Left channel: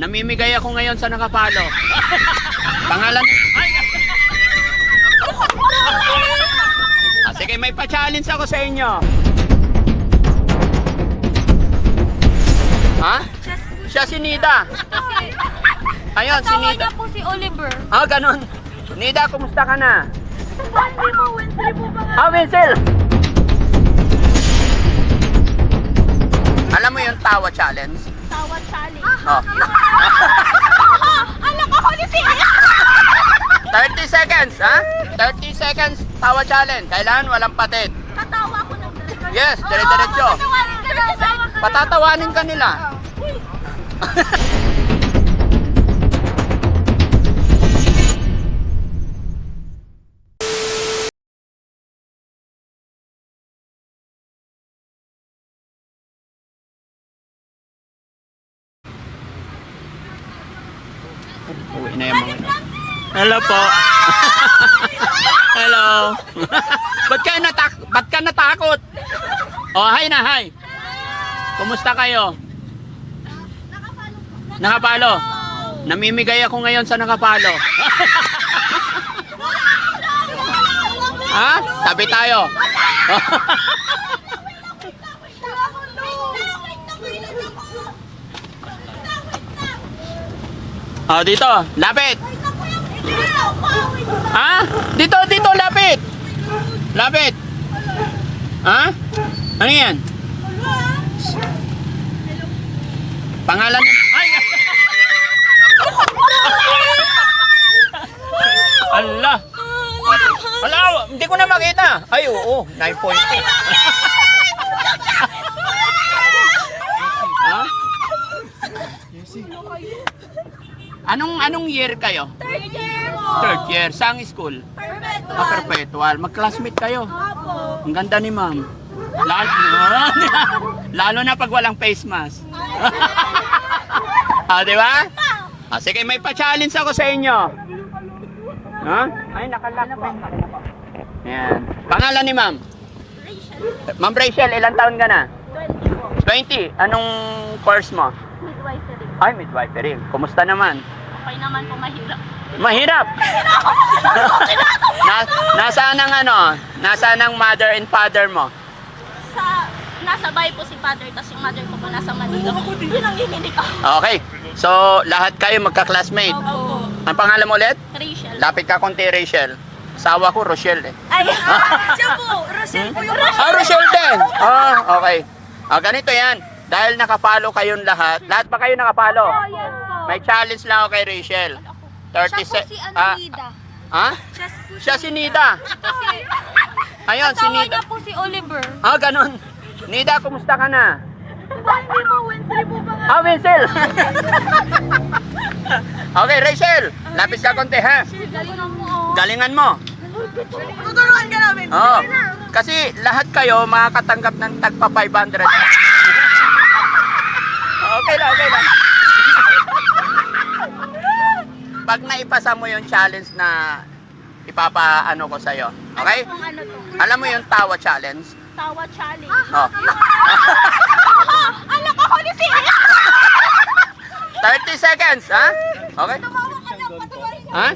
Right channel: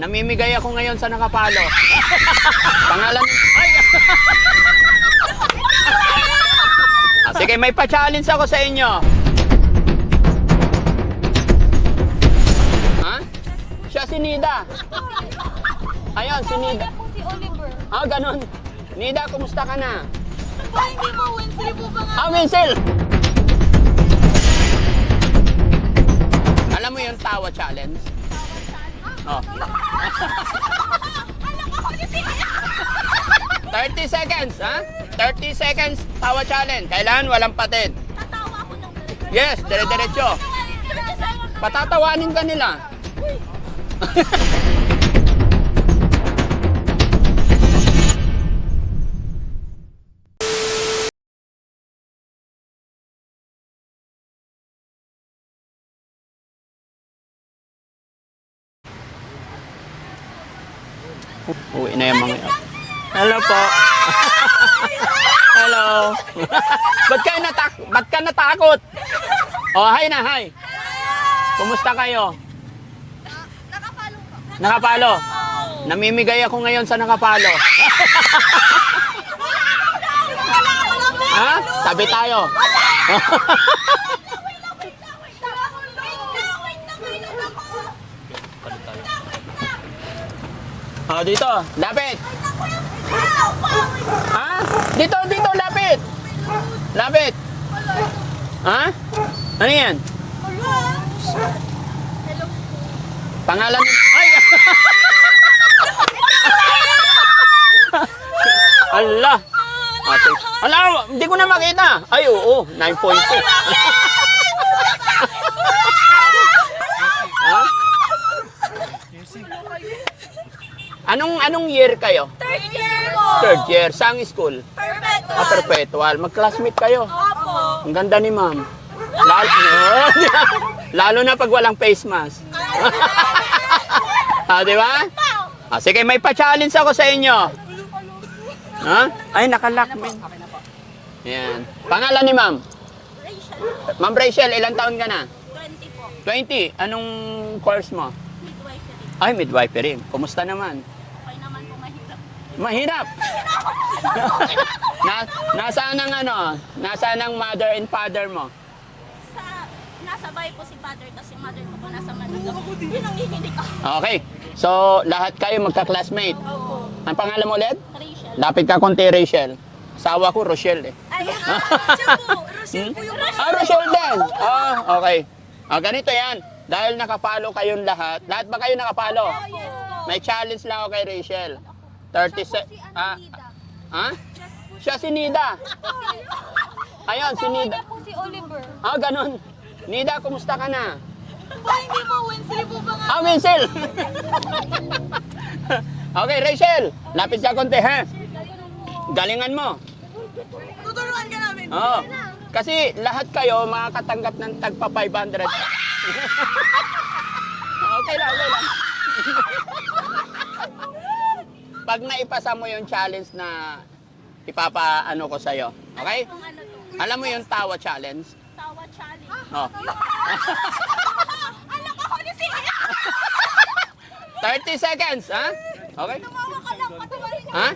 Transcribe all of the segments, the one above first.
Namimigay ako ngayon sa nakapalo. Pangalan... Sige, may pa-challenge ako sa inyo. Ha? Siya si Nida. Ayun, si Nida. Kasama po si Oliver. Ah, ganun. Nida, kumusta ka na? Hindi mo, Wednesday po ba nga? Ah, Winsel! Alam mo yung tawa challenge? Tawa challenge. Oh. Ano ka, Holy City? 30 seconds, ha? 30 seconds, tawa challenge. Kailangan walang patid. Katawa ko ng Yes, dire-diretso. Patatawanin ka nila. Uwi na yung mga... Hello po. Hello. Ba't ka natakot? Oh, hi na, hi. Kumusta kayo? Nakapalo. Namimigay ako ngayon sa nakapalo. Ha? Tabi tayo. Oh, dito. Lapit. Ha? Dito, lapit. Lapit. Ha? Ano yan? Pangalan mo? Ay! Allah! Ala, hindi ko na makita. Ay, oo. 9.2. Ha? Anong year kayo? Third year po. Third year. Saang school? Perpetual. Ah, perpetual. Mag-classmate kayo. Opo. Ang ganda ni ma'am. Lalo na pag walang face mask. Ah, di ba? Ah, sige, may pa-challenge ako sa inyo. Ha? Ay, nakalock din. Yan. Pangalan ni ma'am? Rachel. Ma'am Rachel, ilang taon ka na? 20 po. 20. Anong course mo? Midwifery. Ay, midwifery. Kumusta naman? Okay naman po, mahirap. Mahirap. Nasaan ang Nasaan ang mother and father mo? Nasa bahay po si father, tapos yung mother ko po nasa Manila. Yun ang hinilig ako. Okay. So, lahat kayo magka-classmate. Opo. Ang pangalan mo ulit? Rachel. Lapit ka konti, Rachel. Asawa ko, Rochelle eh. Ay, siya po. Rochelle po yung Ah, Rochelle din! Ah, okay. Ah, ganito yan. Dahil nakapalo kayong lahat. Lahat ba kayo nakapalo? Oh, yes po. May challenge lang ako kay Rachel. 30 Siya po si Nida. Ha? Siya si Nida. Ayun, si Kasama Nida. niya po si Oliver. Ah, ganun. Nida, kumusta ka na? Hindi mo, Wednesday po ba nga? Ah, Winsel! Okay, Rachel. Lapit ka konti, ha? Galingan mo. Galingan mo. Tuturuan ka namin. Oo. Kasi lahat kayo makakatanggap ng tagpa 500. Okay lang, okay lang. Pag naipasa mo yung challenge na ipapaano ko sa'yo, okay? Ano to? Alam mo yung tawa challenge? Tawa challenge. Oh. Ano ka, Holy City? 30 seconds, ha? Okay? Tawawa ka lang, patuloy. Ha?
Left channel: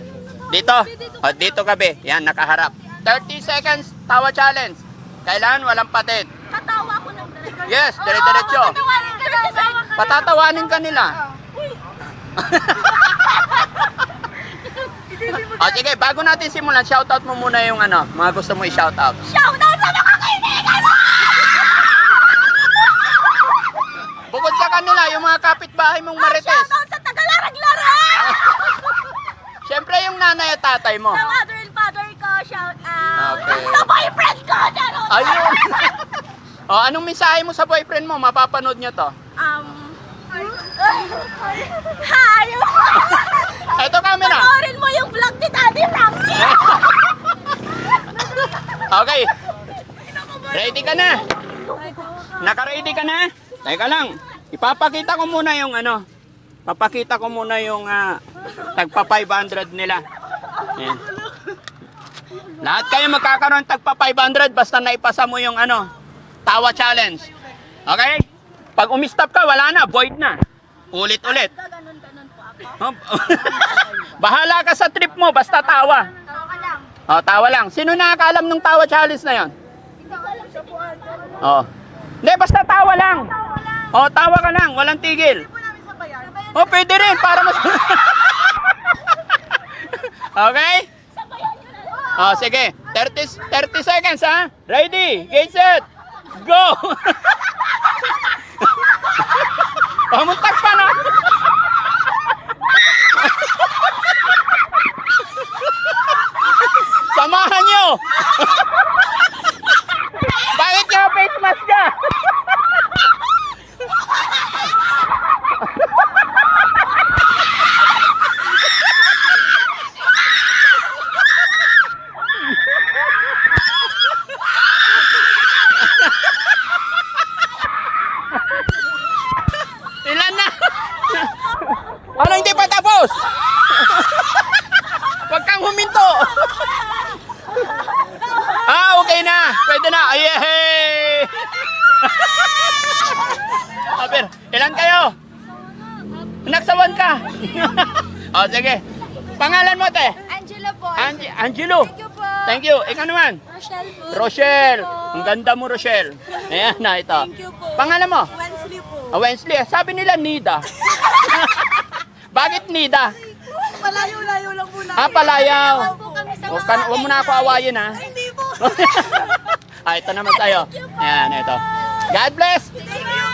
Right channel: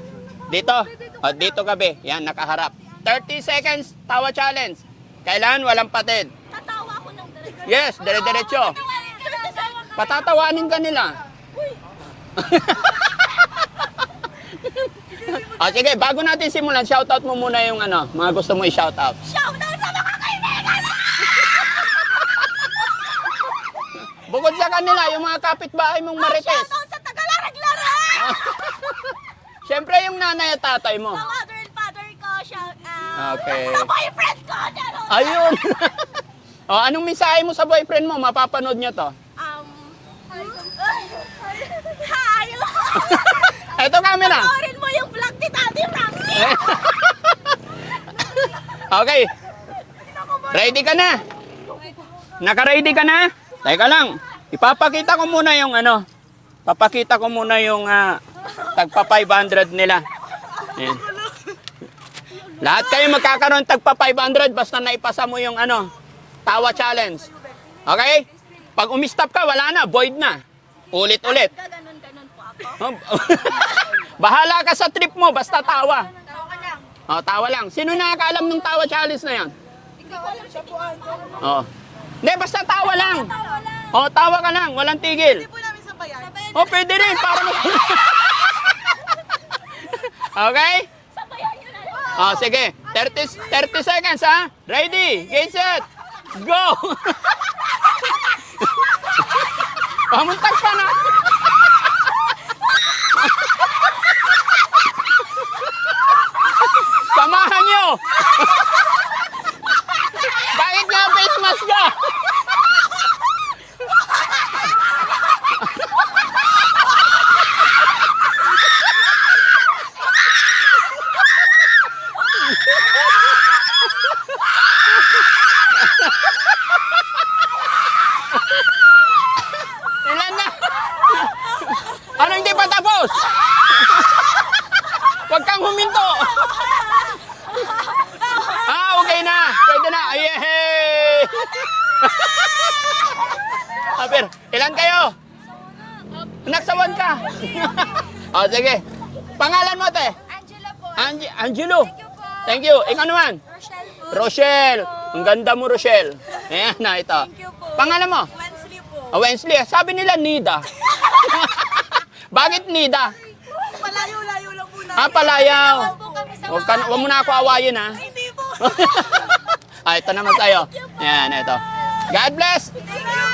Dito. O, dito kabi. Yan, nakaharap. 30 seconds, tawa challenge. Kailangan walang patid. Katawa ko ng Yes, dire-diretso. Patatawanin ka nila. O, sige, bago natin simulan, shoutout mo muna yung mga gusto mo i-shoutout. Shout out sa mga kaibigan mo! Bukod sa kanila, yung mga kapitbahay mong marites. Shout out sa Tagalarag-Larag! Siyempre yung nanay at tatay mo. Sa mother and father ko, shout out. Okay. Sa boyfriend ko, gano'n. Ayun. O, anong mensahe mo sa boyfriend mo? Mapapanood nyo to. Hi! Ito camera. Panoorin mo yung vlog ni Daddy Frank. Okay. Ready ka na? Naka-ready ka na? Teka lang. Ipapakita ko muna yung Papakita ko muna yung tagpa 500 nila. Yan. Lahat kayo magkakaroon tagpa 500 basta naipasa mo yung tawa challenge. Okay? Pag umistop ka, wala na, void na. Ulit-ulit. Ganun ako. Bahala ka sa trip mo, basta tawa. Tawa ka lang. Oh, tawa lang. Sino nakakaalam ng tawa challenge na yon? Ikaw alam siya po. Oh. Hindi, basta tawa lang. Tawa lang. Oh, tawa ka lang, walang tigil. Hindi po namin sabayan. Oh, pwede rin, para mas... Okay? Sabayan nyo na lang. Oh, sige. 30 seconds, ha? Ready, get set, go! Pamuntak ka na. Samahan nyo! Bakit nyo face mask ka? Ilan na? Ano hindi pa tapos? Huwag kang huminto. Okay na. Pwede na. Yay! Aber, ilan kayo? Nagsawan ka. Oh, sige. Pangalan mo, te? Angela po. Angelo. Thank you po. Thank you. Ikaw naman? Rochelle po. Rochelle. Ang ganda mo, Rochelle. Ayan na, ito. Thank you po. Pangalan mo? Wednesday po. Wednesday. Sabi nila Nida. Bakit Nida? Malayo-layo lang po namin. Palayaw. Opo kami sa Huwag mo na ako awayin, ha? Hindi po. Ito naman tayo. Ayan, ito. God bless. Thank you.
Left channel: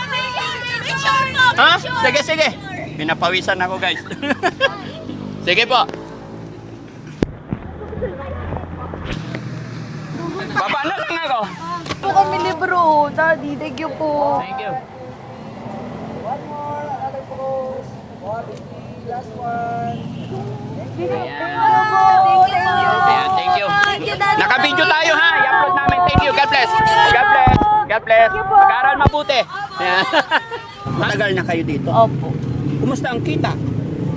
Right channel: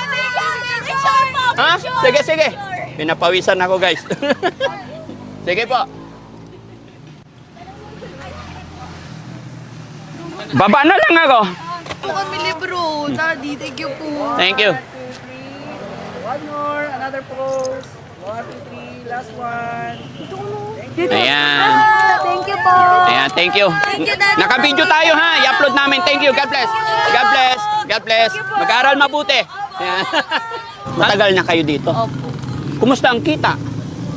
Picture po. Ha? Sige, sige. Pinapawisan ako, guys. Sige po. Baba na lang ako. Po kami libro. Daddy, thank you po. Thank you. One more, another pose. 1, 2, 3, last one. Ayan. Thank you po. Ayan, thank you. Thank you, Daddy. Naka-video tayo, ha? I-upload namin. Thank you. God bless. God bless. God bless. Mag-aral mabuti. Ayan. Matagal na kayo dito. Opo. Kumusta ang kita?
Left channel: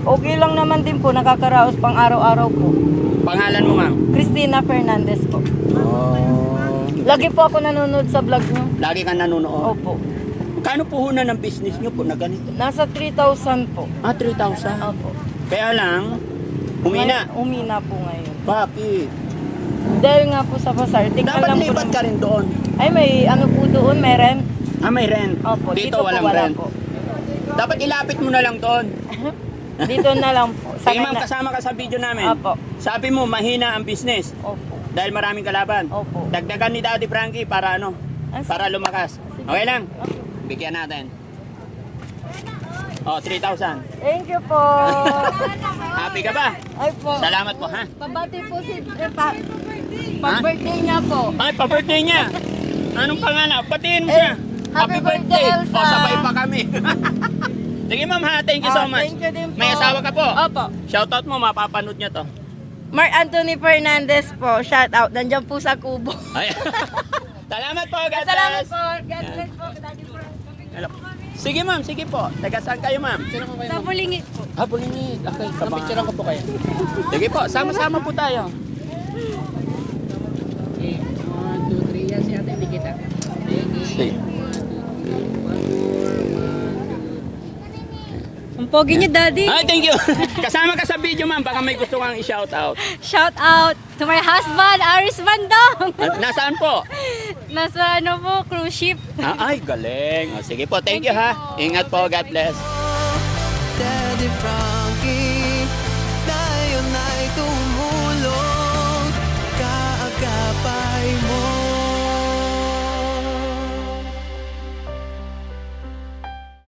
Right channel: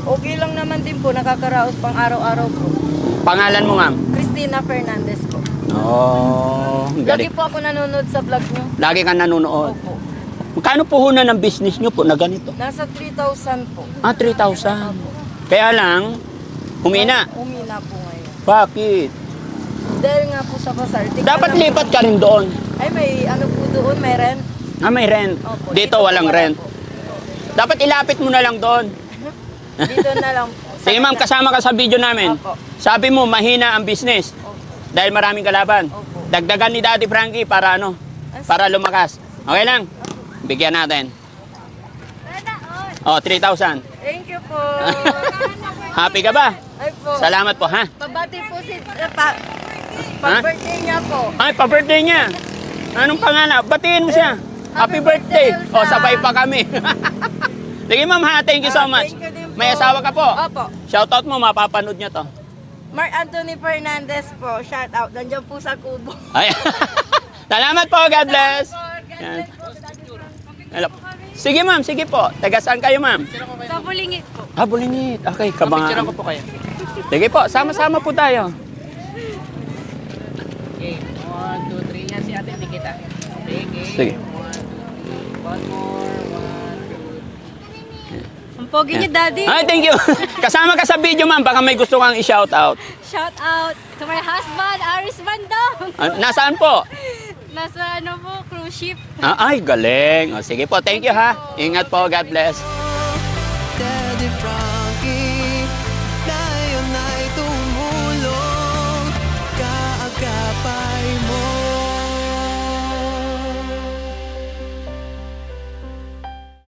Okay lang naman din po, nakakaraos pang araw-araw po. Pangalan mo, ma'am? Christina Fernandez po. Oh. Lagi po ako nanonood sa vlog nyo. Lagi ka nanonood. Opo. Magkano puhunan ng business nyo po na ganito? Nasa 3,000 po. 3,000. Opo. Kaya lang, humina. Umina po ngayon. Bakit? Dahil nga po sa pasar. Dapat lipat ka rin doon. Ay, may ano po doon, may rent. May rent. Opo. Dito po walang wala rent. po. Dapat ilapit mo na lang doon. Dito na lang po. Sige ma'am, Sanay na- kasama ka sa video namin. Opo. Sabi mo, mahina ang business. Opo. Dahil maraming kalaban. Opo. Dagdagan ni Daddy Frankie para ano? Para lumakas. Okay lang? Opo. Bigyan natin. Oh, 3,000. Thank you po. Happy ka ba? Ay po. Salamat po, ha? Pabati po si pag-birthday niya po. Ay, pa-birthday niya. Anong pangalan? Batiin mo siya. Happy birthday. birthday, O, Elsa. sabay pa kami. Sige ma'am ha, thank you so much. Thank you din po. May asawa ka po? Opo. Shoutout mo, mapapanood niya to. Mark Anthony Fernandez po. Shout out. Nandiyan po sa kubo. Ay. Salamat po, God bless. God bless po. Hello. Sige ma'am, sige po. Taga saan kayo ma'am? Sa Bulingit po. Bulingit. Okay, kabangan. Picture ko po kayo. Sige po, sama-sama po tayo. Okay, 1, 2, 3. Yan si ate, hindi kita. Okay, okay. Sige. 1, 2, 3. One more, 1, 2, 3. Ang pogi niyo, Daddy. Ay, thank you. Kasama ka sa video ma'am, baka may gusto kang i-shoutout. Shout out to my husband, Aris Bandong. Nasaan po? Nasa ano po, cruise ship. Ay, galing. O, sige po, thank you ha. Ingat po, God bless. Daddy Frankie